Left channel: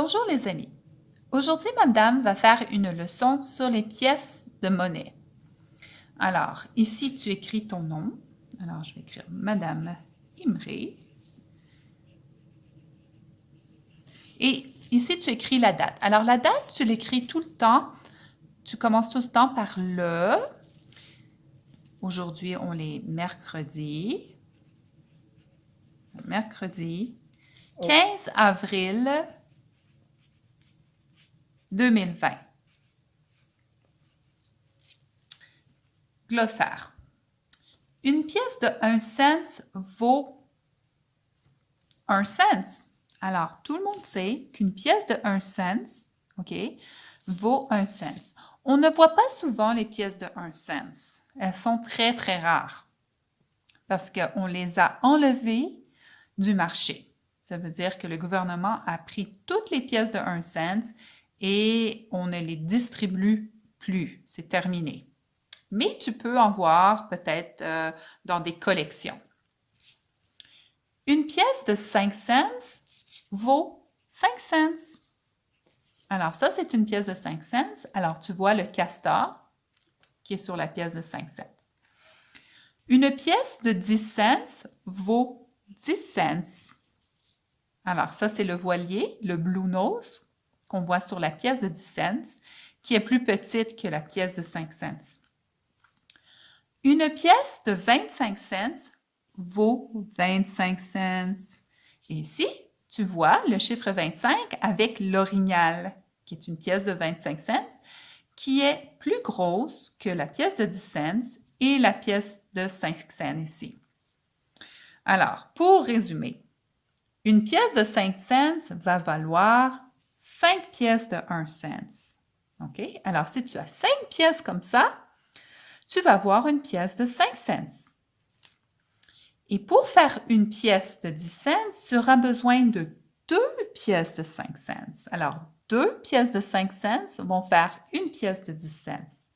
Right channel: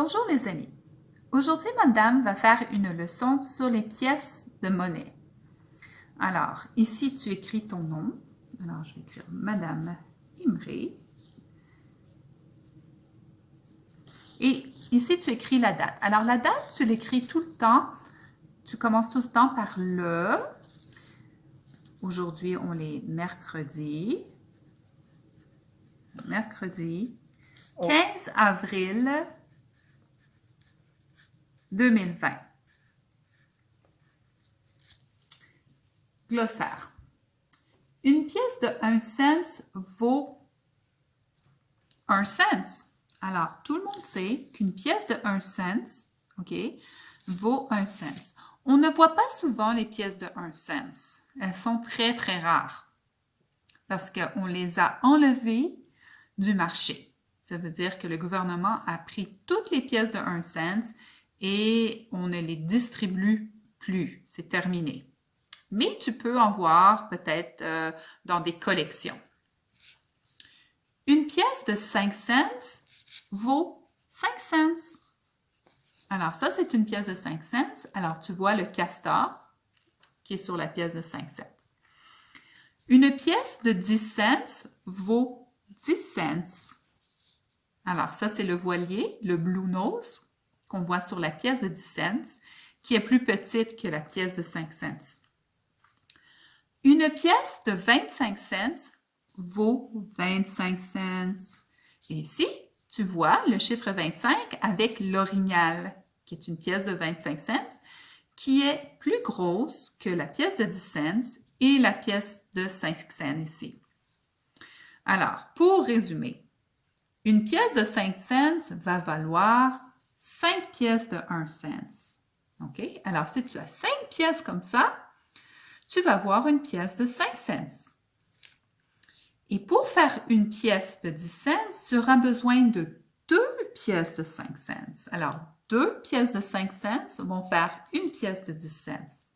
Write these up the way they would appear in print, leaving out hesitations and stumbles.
Bonjour les amis. Aujourd'hui, Madame va faire une leçon sur les pièces de monnaie. Alors, ici, tu écris ton nom. Alors, je vais écrire Madame Imré. Et ici, tu écris la date. Alors, la date, tu l'écris tout le temps. Tu commences tout le temps par le. Aujourd'hui, on est mercredi. Mercredi 15 avril 2020. Glossaire. Une pièce de 1 cent vaut 1 cent. Alors, tout le monde sait qu'une pièce de 1 cent, OK, vaut 1 cent. On ne voit pas souvent les pièces de 1 cent. Elles sont très, très rares parce qu'on les a enlevées du marché. Ça veut dire que le gouvernement a pris toutes les pièces de 1 cent et on ne les distribue plus. C'est terminé. Mais tu peux en voir peut-être dans des collections. Une pièce de 5 cents vaut 5 cents. Alors, ça, c'est une pièce de 5 cents. Alors, tu vois le castor qui est sur la pièce de 5 cents. Une pièce de 10 cents vaut 10 cents. Alors, ça, c'est le voilier, le blue nose, qu'on voit sur la pièce de 10 cents, qui est plus petite que la pièce de 5 cents. Une pièce de 25 cents vaut 25 cents. Et ici, tu vois le chiffre 25 avec l'orignal, qui est une pièce de 25 cents, qui est plus grosse que la pièce de 10 cents et la pièce de 5 cents ici. Alors, pour résumer, une pièce de 5 cents va valoir 5 pièces de 1 cent. OK? Alors, si tu as 5 pièces comme ça, tu vas avoir une pièce de 5 cents. Et pour faire une pièce de 10 cents, tu auras besoin de 2 pièces de 5 cents. Alors, 2 pièces de 5 cents vont faire une pièce de 10 cents.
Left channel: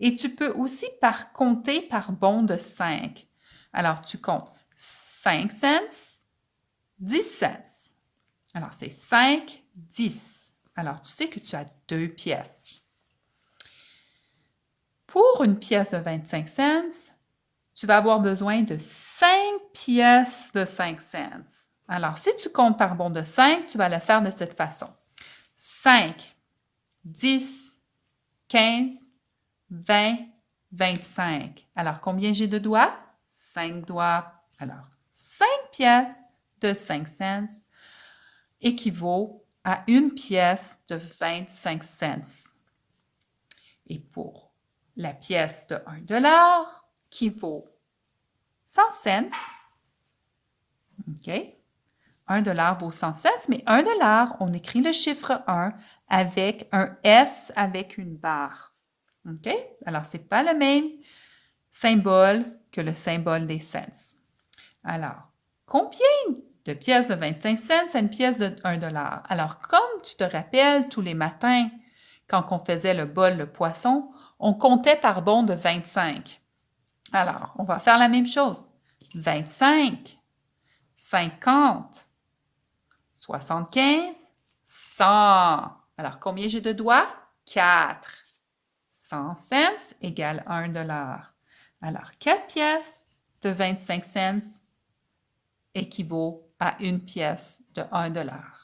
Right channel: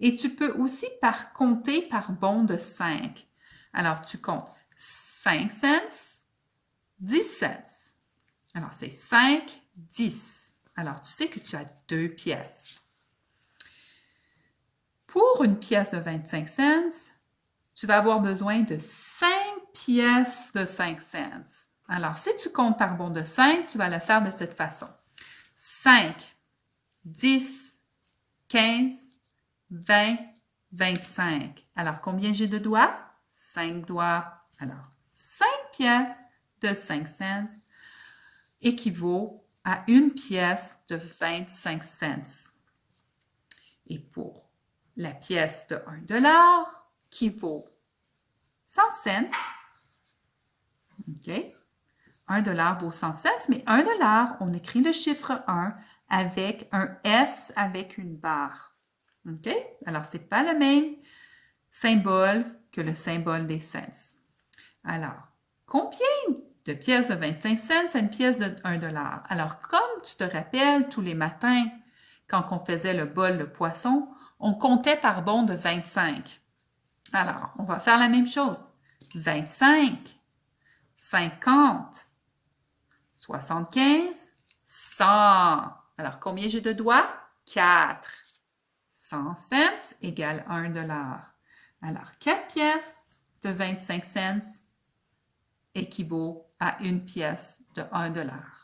Et tu peux aussi compter par bond de 5. Alors, tu comptes 5 cents, 10 cents. Alors, c'est 5, 10. Alors, tu sais que tu as 2 pièces. Pour une pièce de 25 cents, tu vas avoir besoin de 5 pièces de 5 cents. Alors, si tu comptes par bond de 5, tu vas le faire de cette façon. 5, 10, 15, 20, 25. Alors, combien j'ai de doigts? 5 doigts. Alors, 5 pièces de 5 cents équivaut à une pièce de 25 cents. Et pour la pièce de 1 dollar, qui vaut 100 cents, OK? 1 dollar vaut 100 cents, mais 1 dollar, on écrit le chiffre 1 avec un S avec une barre. OK? Alors, ce n'est pas le même symbole que le symbole des cents. Alors, combien de pièces de 25 cents à une pièce de 1 dollar? Alors, comme tu te rappelles, tous les matins, quand on faisait le bol de poisson, on comptait par bond de 25. Alors, on va faire la même chose. 25, 50, 75, 100. Alors, combien j'ai de doigts? 4. 100 cents égale 1 dollar. Alors, 4 pièces de 25 cents équivaut à une pièce de 1 dollar.